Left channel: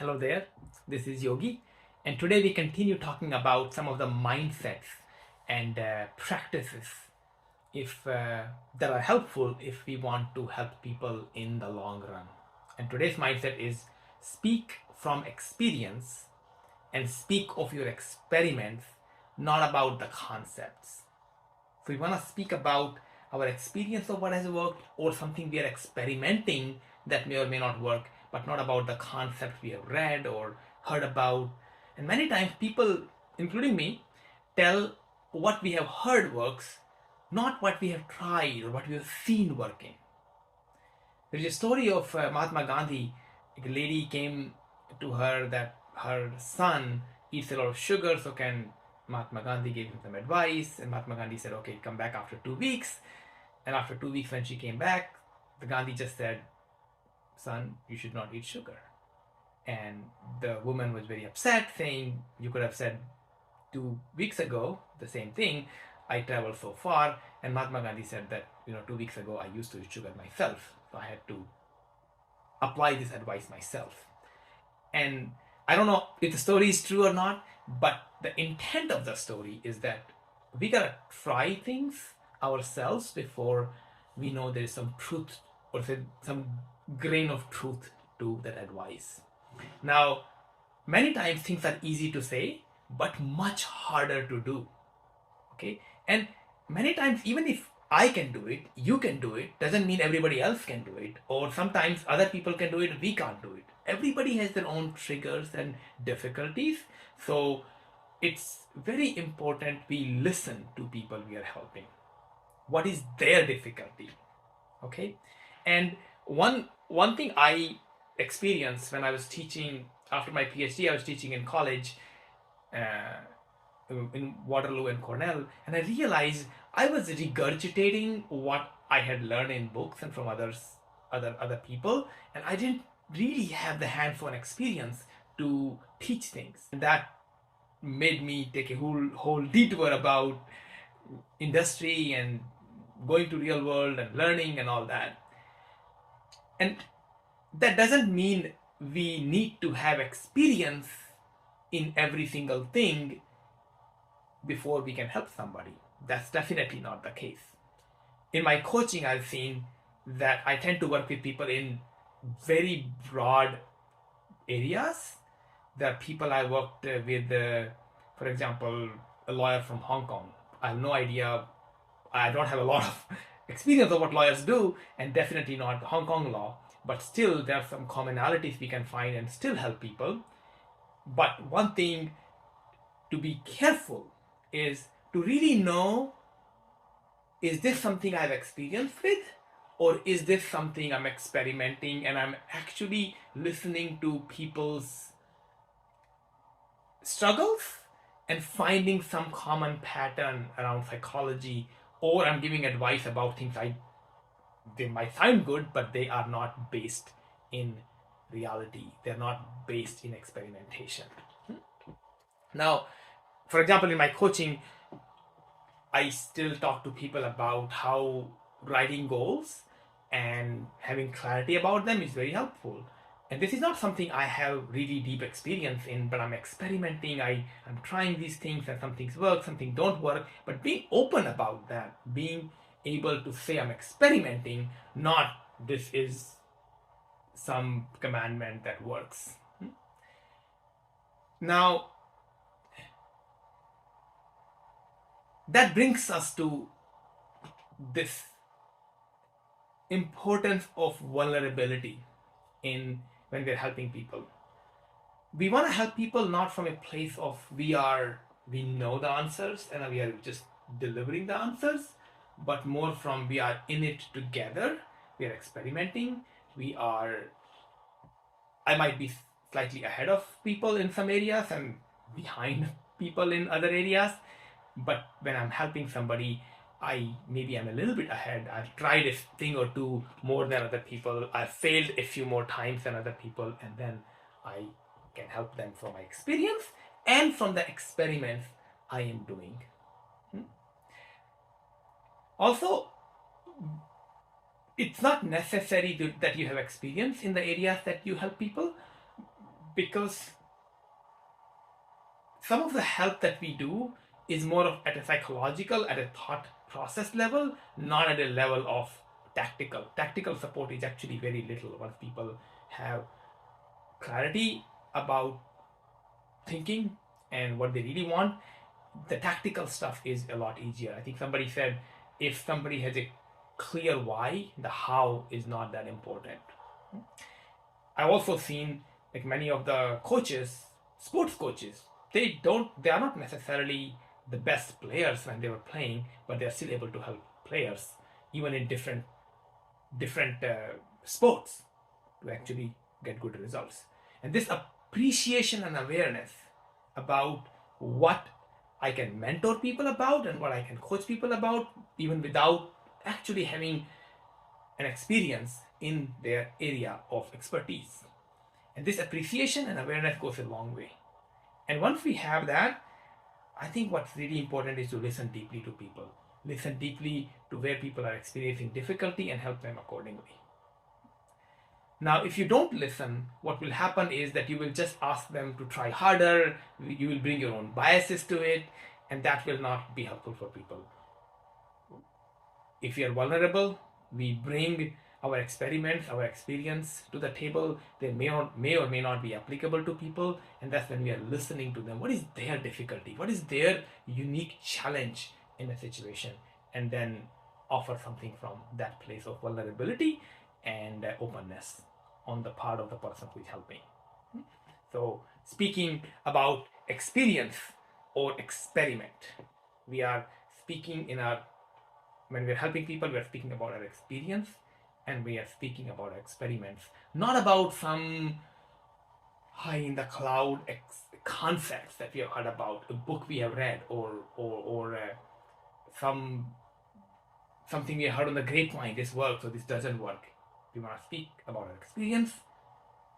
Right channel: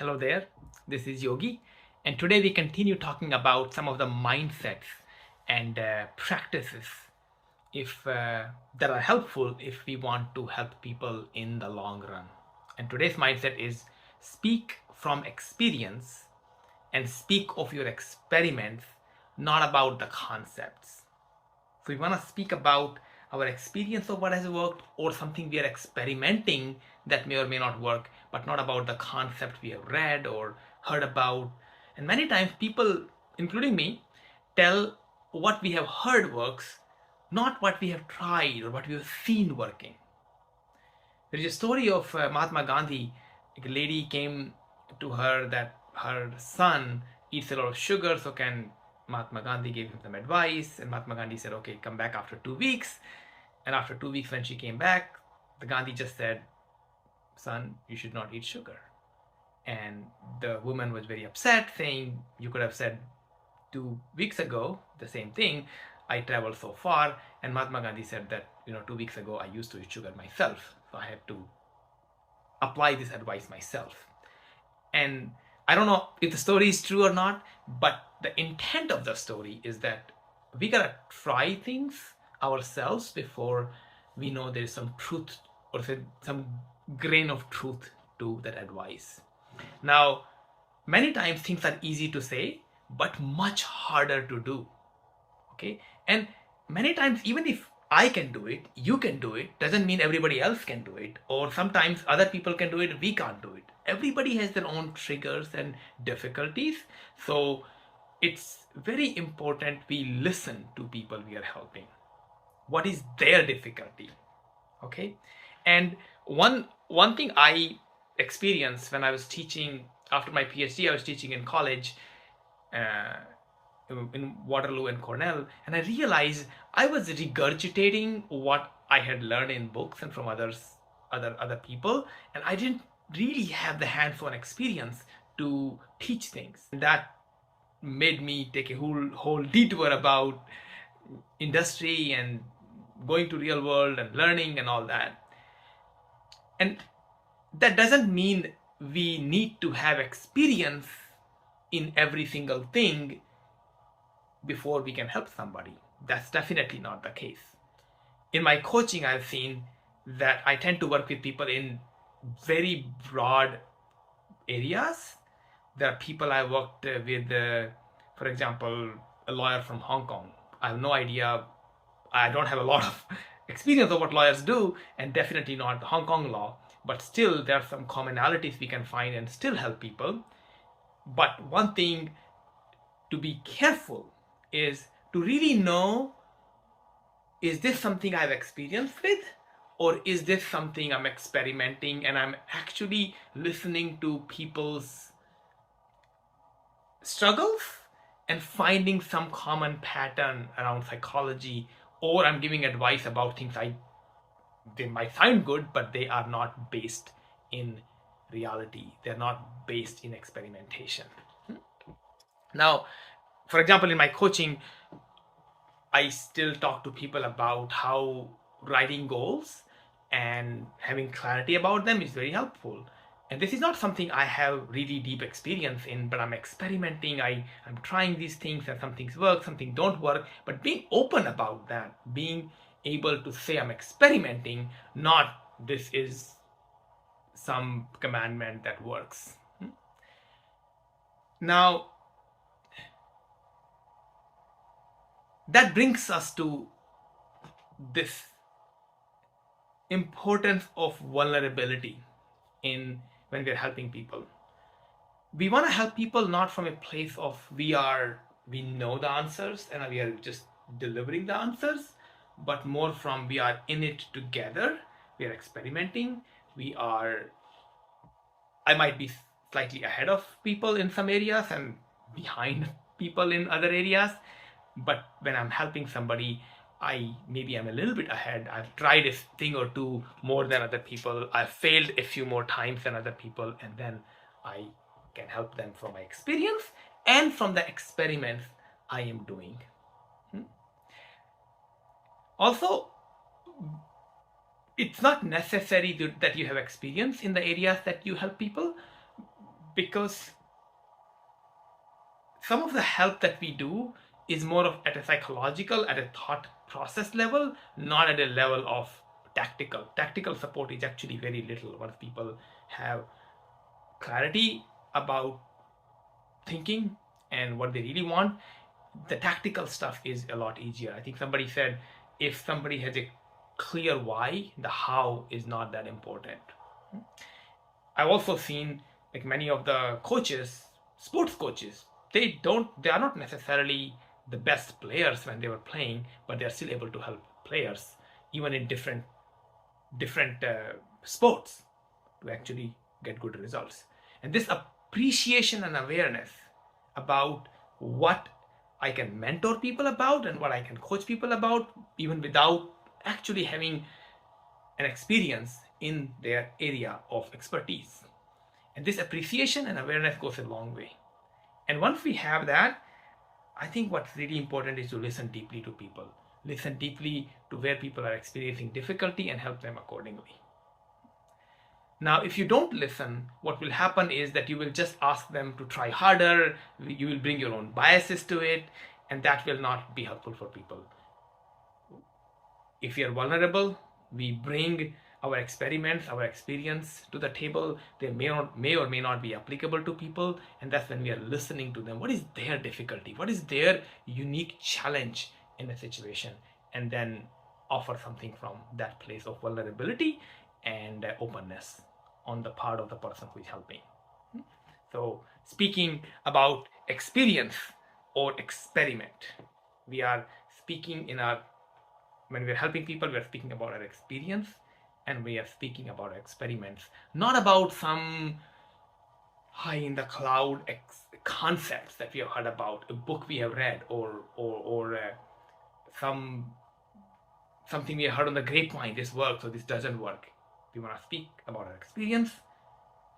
Hello there, this is Yogi, and today we continue talking about some of the mindsets and practices if that are helpful if we want to help people in the long run. And today's mindset is speak from experience and speak of your experiments, not about the concepts. So we want to speak about our experience of what has worked or something we are experimenting that may or may not work, but not about the concept we have read or heard about. And many times people, including me, tell what we have heard works, not what we have tried or what we have seen working. There is a story of Mahatma Gandhi. A lady came to her that her son eats a lot of sugar, so can Mahatma Gandhi gave him some advice, and Mahatma Gandhi said, "Okay, come back after 2 weeks." And after 2 weeks, when she came back, the Gandhi just said, "Son, you should not eat sugar." And the woman was very upset, saying, "You could have said 2 weeks ago the same thing. I traveled so far." And Mahatma Gandhi said that 2 weeks ago I used to eat sugar myself, so I had to apply this advice myself. And I don't know if the story is true or not, but the intent of the story is that we gotta try things ourselves before we know there is some truth or some grain of truth to that advice. Now, many times things are easy to say, but much harder to do. Okay, and many times even if I can do it, you can do it, doesn't mean everybody else can do it, or sometimes other people can do it, we can't do it. Everybody has their own triggers and difficulties, so it's very important we listen to people we are helping. What is their difficulty? Okay, and one thing I experienced when I was teaching after my PhD, I was teaching in college. In Waterloo and Cornell, and I realized I was regurgitating what I had learned in books and from other people, and I didn't really have the hands-on experience to teach things. And that made me take a whole detour about industry and going to real world and learning and all that. And that doesn't mean we need to have experience in every single thing before we can help somebody. That's definitely not the case. In my coaching, I've seen that I tend to work with people in very broad areas. There are people I worked with, for example, a lawyer from Hong Kong. I have no idea, I don't have a lot of experience of what lawyers do, and definitely not Hong Kong law, but still there are some commonalities we can find and still help people. But one thing to be careful is to really know, is this something I've experienced with, or is this something I'm experimenting and I'm actually listening to people's struggles and finding some common pattern around psychology, or I'm giving advice about things they might sound good, but they are not based in reality. They're not based in experimentation. Now, for example, in my coaching, I still talk to people about how writing goals and having clarity about them is very helpful. And this is not something I have really deep experience in, but I'm experimenting. I'm trying these things, and some things work, some things don't work. But being open about that, being able to say I'm experimenting, not this is some commandment that works. Now, that brings us to this importance of vulnerability in when we're helping people. We want to help people not from a place of we know the answers and we are just delivering the answers, but more from we are in it together, we are experimenting, I might be slightly ahead of people in some areas and behind people in other areas, but when I'm helping somebody, maybe I'm a little bit ahead. I've tried a thing or two more than other people. I've failed a few more times than other people, and then I can help them from my experience and from the experiments I am doing. Also, it's not necessary that you have experience in the areas that you help people, because some of the help that we do is more of at a psychological, at a thought process level, not at a level of tactical. Tactical support is actually very little once people have clarity about thinking and what they really want. The tactical stuff is a lot easier. I think somebody said if somebody has a clear why, the how is not that important. I've also seen like many of the coaches, sports coaches, they are not necessarily the best players when they were playing, but they're still able to help players even in different sports to actually get good results. And this appreciation and awareness about what I can mentor people about and what I can coach people about, even without actually having an experience in their area of expertise. And this appreciation and awareness goes a long way. And once we have that, I think what's really important is to listen deeply to people. Listen deeply to where people are experiencing difficulty and help them accordingly. Now, if you don't listen, what will happen is that you will just ask them to try harder, you will bring your own biases to it, and that will not be helpful for people. If you're vulnerable, we bring our experiments, our experience to the table. They may or may not be applicable to people, and that's when we are listening to them. What is their difficulty? What is their unique challenge in a situation? And then offer something from that place of vulnerability and openness on the part of the person who is helping. So speaking about experience or experiment, we are speaking when we're helping people, we're speaking about our experience and we are speaking about our experiments, not about some high in the cloud concepts that we have heard about, a book we have read, or something we have heard on the grapevine. This works or this doesn't work. We want to speak about our experience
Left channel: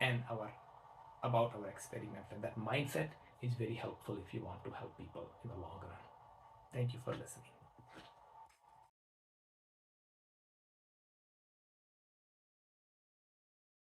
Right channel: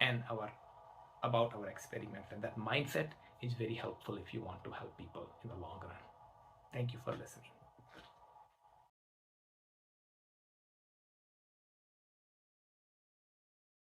and about our experiments, and that mindset is very helpful if you want to help people in the long run. Thank you for listening.